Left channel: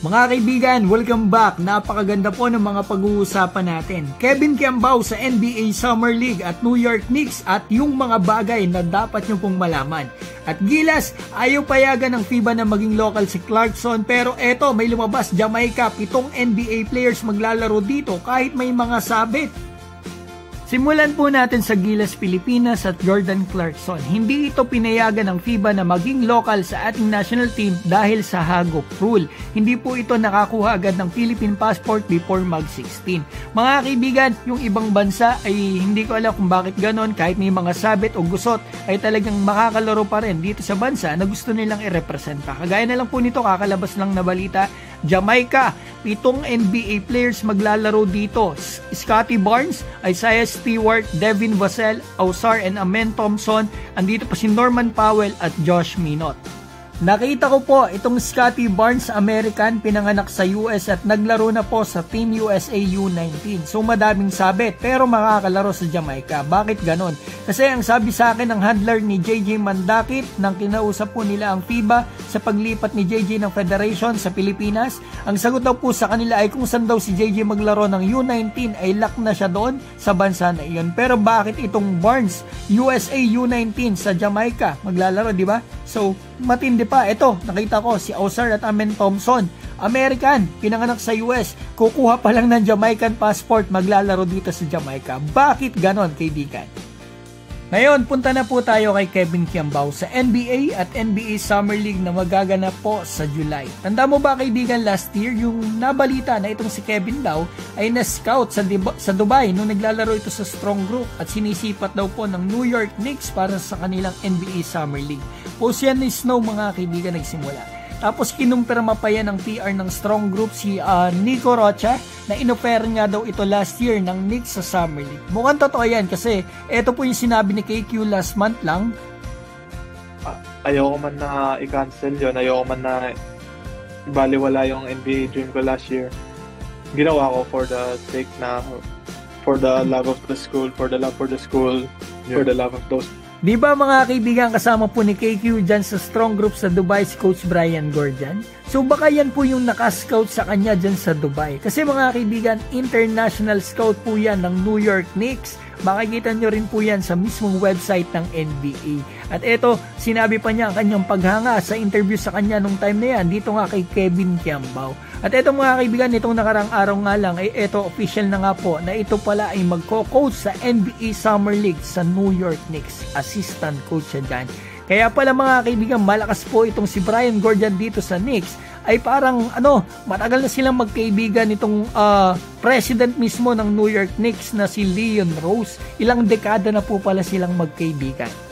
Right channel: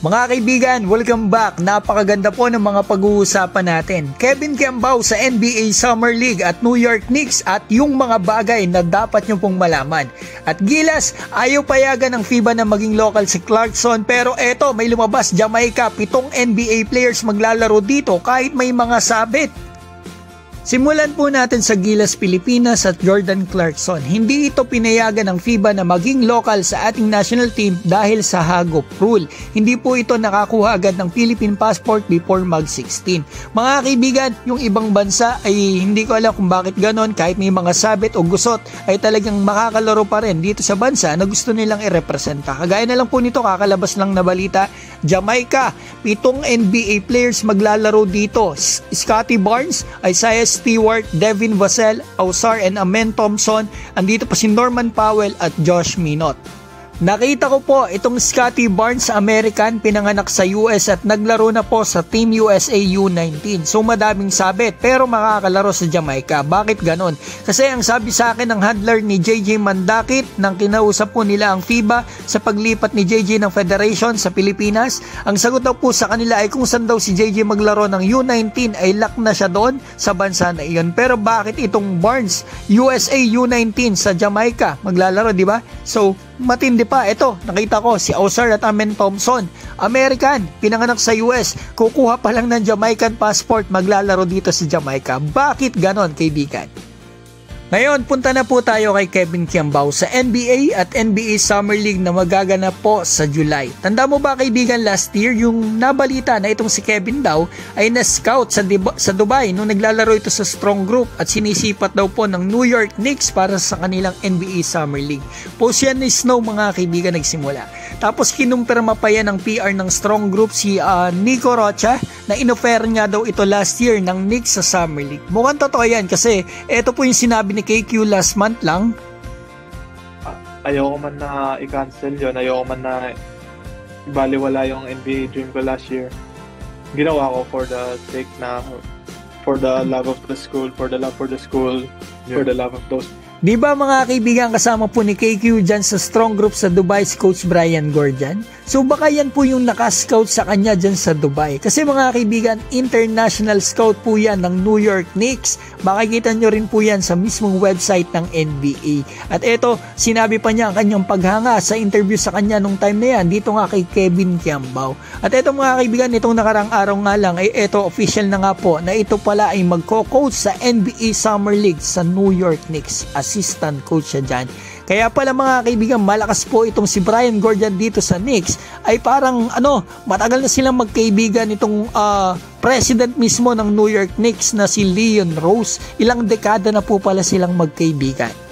Mga kaibigan, welcome back. Napakaganda po ng mga pag-uusapan natin. Kevin Kiambao sa NBA Summer League at New York Knicks at yung mga bagay na dapat nyo pong malaman. At Gilas, ayaw payagan ng FIBA na maging local si Clarkson, pero eto, may lumabas Jamaica, 7 NBA players maglalaro dito kahit may mga sabit. Simulan po natin sa Gilas Pilipinas at Jordan Clarkson. Hindi ito pinayagan ng FIBA na maging local sa ating national team dahil sa hagop rule. Hindi po ito nakakuha agad ng Philippine passport before mag-16. Mga kaibigan, yung ibang bansa ay hindi ko alam kung bakit ganon, kahit may mga sabit o gusot ay talagang makakalaro pa rin dito sa bansa na gusto nilang i-representa. Kagaya na lang po nito, kakalabas lang na balita, Jamaica, 7 NBA players maglalaro dito. Scottie Barnes, Isaiah Stewart, Devin Vassell, Ausar and Amen Thompson. Andito pa si Norman Powell at Josh Minot. Nakita ko po itong Scottie Barnes, American, pinanganak sa US at naglaro na po sa Team USA U19. So madaming sabit pero makakalaro sa Jamaica. Bakit ganon? Kasi ang sabi sa akin ng handler ni JJ Mandakit nang kinausap po nila ang FIBA sa paglipat ni JJ ng Federation sa Pilipinas, ang sagot daw po sa kanila ay kung saan daw si JJ maglaro ng U19 ay lock na siya doon sa bansa na iyon. Pero bakit itong Barnes, USA U19 sa Jamaica maglalaro, di ba? So matindi pa. Ito, nakita ko si Ausar at Amen Thompson, American, pinanganak sa US, kukuha pa lang ng Jamaican passport, maglalaro dito sa Jamaica. Bakit ganon, kaibigan? Ngayon, punta na po tayo kay Kevin Kiambao sa NBA at NBA Summer League na magaganap po sa July. Tanda mo ba, kaibigan, last year yung nabalita na itong si Kevin daw ay na-scout sa Dubai nung naglalaro ito sa Strong Group at sinisipat daw po ng New York Knicks para sa kanilang NBA Summer League. Post yan ni Snow, mga kaibigan, nagsimula. Tapos kinumpirma pa yan ng PR ng Strong Group si Nico Rocha na inoffer niya daw ito last year ng Knicks sa Summer League. Mukhang totoo yan kasi ito po yung sinabi ni KQ last month lang. Ayoko man na i-cancel yun. Ayoko man na ibaliwala yung NBA dream ko last year. Ginawa ko for the sake na for the love of the school, for the love for the school, for the love of those. Di ba mga kaibigan, kasama po ni KQ dyan sa Strong Group sa Dubai si Coach Brian Gordian? So baka yan po yung nakascout sa kanya dyan sa Dubai. Kasi mga kaibigan, international scout po yan ng New York Knicks. Makikita nyo rin po yan sa mismong website ng NBA. At eto, sinabi pa niya ang kanyang paghanga sa interview sa kanya nung time na yan, dito nga kay Kevin Kiambao. At eto mga kaibigan, itong nakarang araw nga lang, ay eto official na nga po na ito pala ay magko-coach sa NBA Summer League sa New York Knicks. Assistant coach siya dyan. Kaya pala mga kaibigan, malakas po itong si Brian Gordian dito sa Knicks. Ay parang matagal na silang magkaibigan itong president mismo ng New York Knicks na si Leon Rose. Ilang dekada na po pala silang magkaibigan.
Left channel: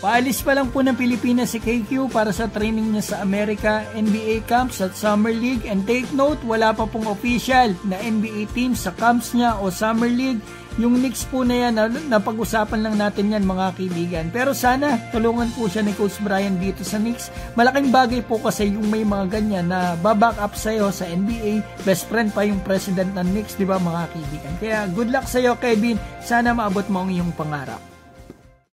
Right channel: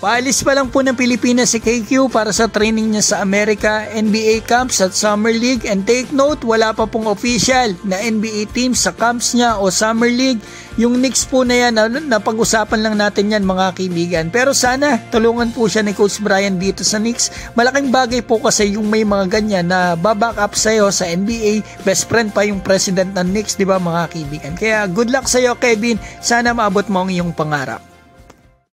Paalis pa lang po ng Pilipinas si KQ para sa training niya sa Amerika, NBA camps at Summer League. And take note, wala pa pong official na NBA team sa camps niya o Summer League. Yung Knicks po na yan, napag-usapan lang natin yan mga kaibigan. Pero sana tulungan po siya ni Coach Brian dito sa Knicks. Malaking bagay po kasi yung may mga ganyan na baback up sa'yo sa NBA. Best friend pa yung president ng Knicks, di ba mga kaibigan? Kaya good luck sa'yo, Kevin. Sana maabot mo ang iyong pangarap.